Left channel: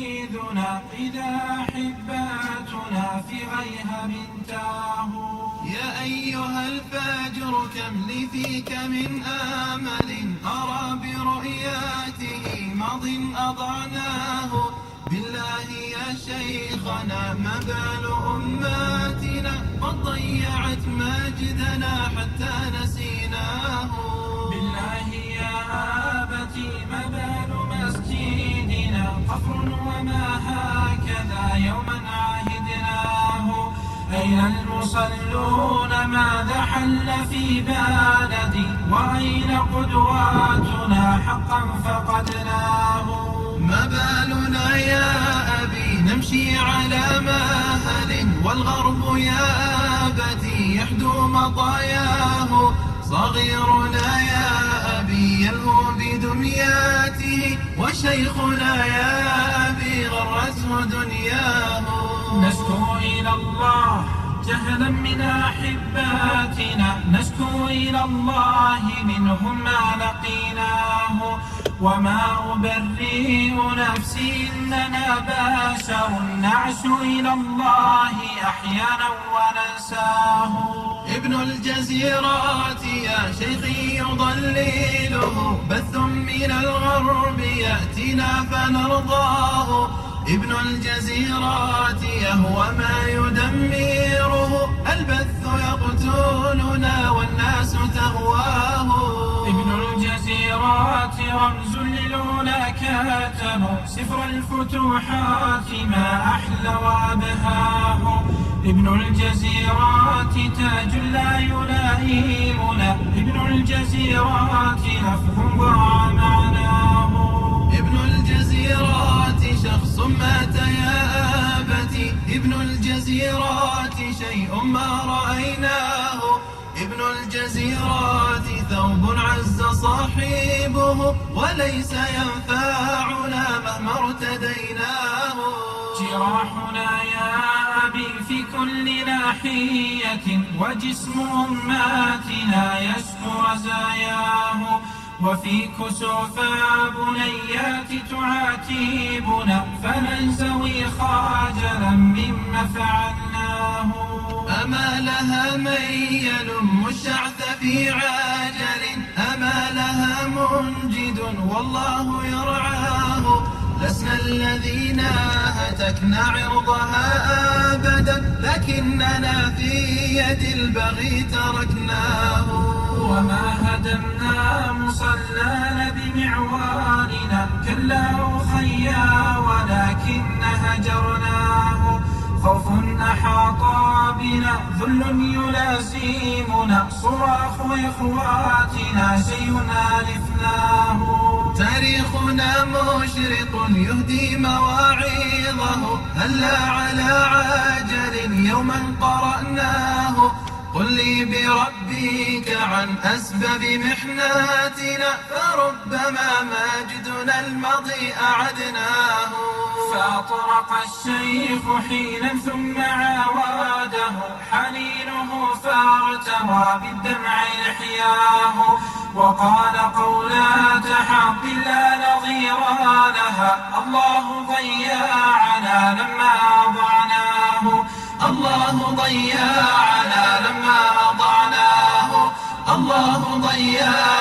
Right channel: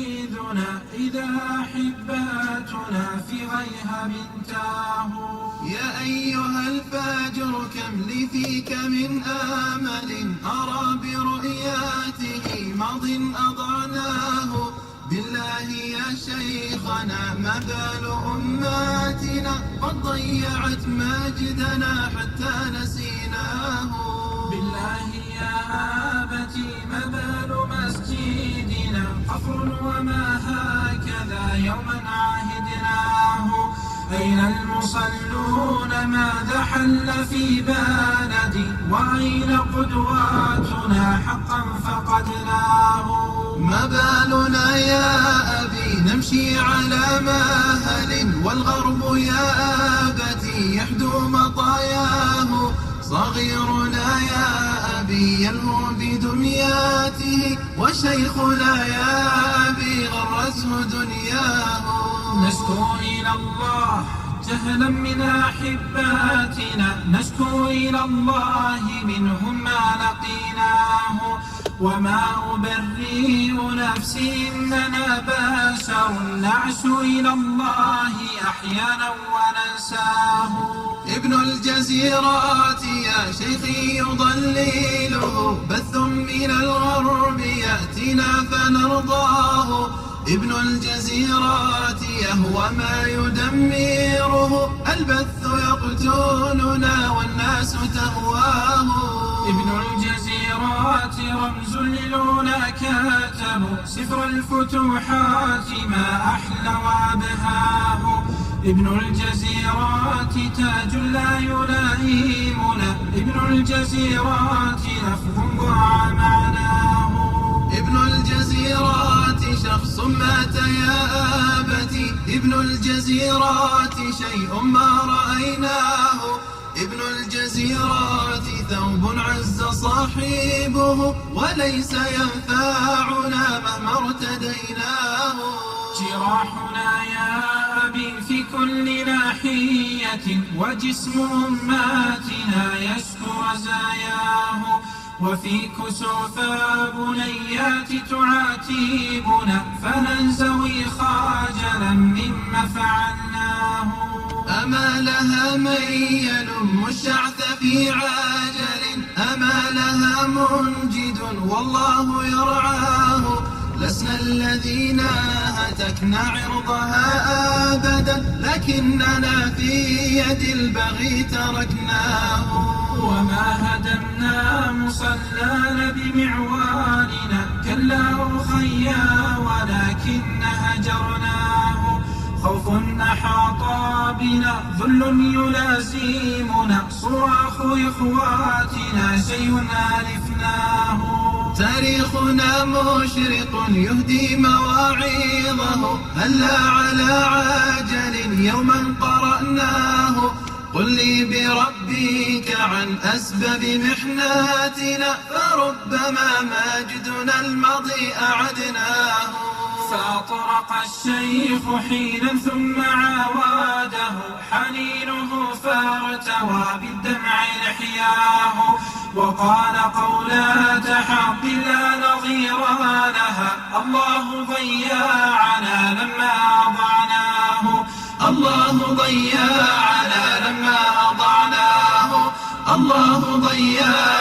سيدنا إذا أحباتنا في غيها تاهوا. يا أيها الفاجر كم لي فيك من آمل أرى برؤياته ماض أضعناه. بالله يا شيخنا ما بال أماتنا قد ضيعت مجدنا حتى نسيناه. بالله يا آبتي ما بال مسجدنا قفر وما هكذا يوما عهدناه. أين المصلون ماذا حل في بلدي وأين قدواتنا حقا فقدناه. ما بالنا يا أبي نمشي على مهل والغرب يا أبتي يحدو مطاياه. صغيرنا يا أبي يلهو بدمياته وشيخنا يا أبي غرته دنياه. نشكو إلى الله جهلا من أحباتنا نشكو إلى الله منهم ما لقيناه. وما أبرئ نفسي إننا بشر نعش إلى الله أحيانا وننساه. ابن الجزيرات يا شيخي يضلله بث من الغرب يأتينا فنرضاه. ابن الجزيرات يهوى ما يدمره البث يقتلنا والناس تهواه. ابن الجزيرات رمز للعلا كاتم سفر الفتوحات ما أحلى وأبهاه. ابن الجزيرات تاج لا يلائمنا ابن الجزيرات لفظ ضاع معناه. ابن الجزيرات شخص مات يا آبتي ابن الجزيرات شيء ما رأيناه. ابن الجزيرات ثوب عز صاحبه وليس ينفعنا مهما ارتديناه. جراحنا يا أبي في كل ناحية وجسم أماتنا يشكو رزاياه. وفي كسوف بنيات تعاتبنا فننزوي خاجلا مما فعلناه. أما لها من يلم الشعث في عاجل أما لها منجد والله يرعاه. لسنا الذين هتكنا عرضها أبدا لكننا في يد البغي تركناه. وما هدمنا مصلانا بمعواننا كلا أخيا ولكن هجرناه. خوف أحاط بنا ذل يلازمنا صراخ إخواتنا شيء ألفناه. تاريخنا مشرق يهدي مواعظه هلا على عاجل يوما قرأناه. قل لي بربك عن أسباب محناتنا فربما مجدنا الماضي أعدناه. فأطرق الشيخ حينا ثم عاوده حنينه فارتوى بالدمع لحياه. وقال قولات حق لا نظير لها الله ضيعنا لما أضعناه. الله ضيعنا لما أضعناه. الله ضيعنا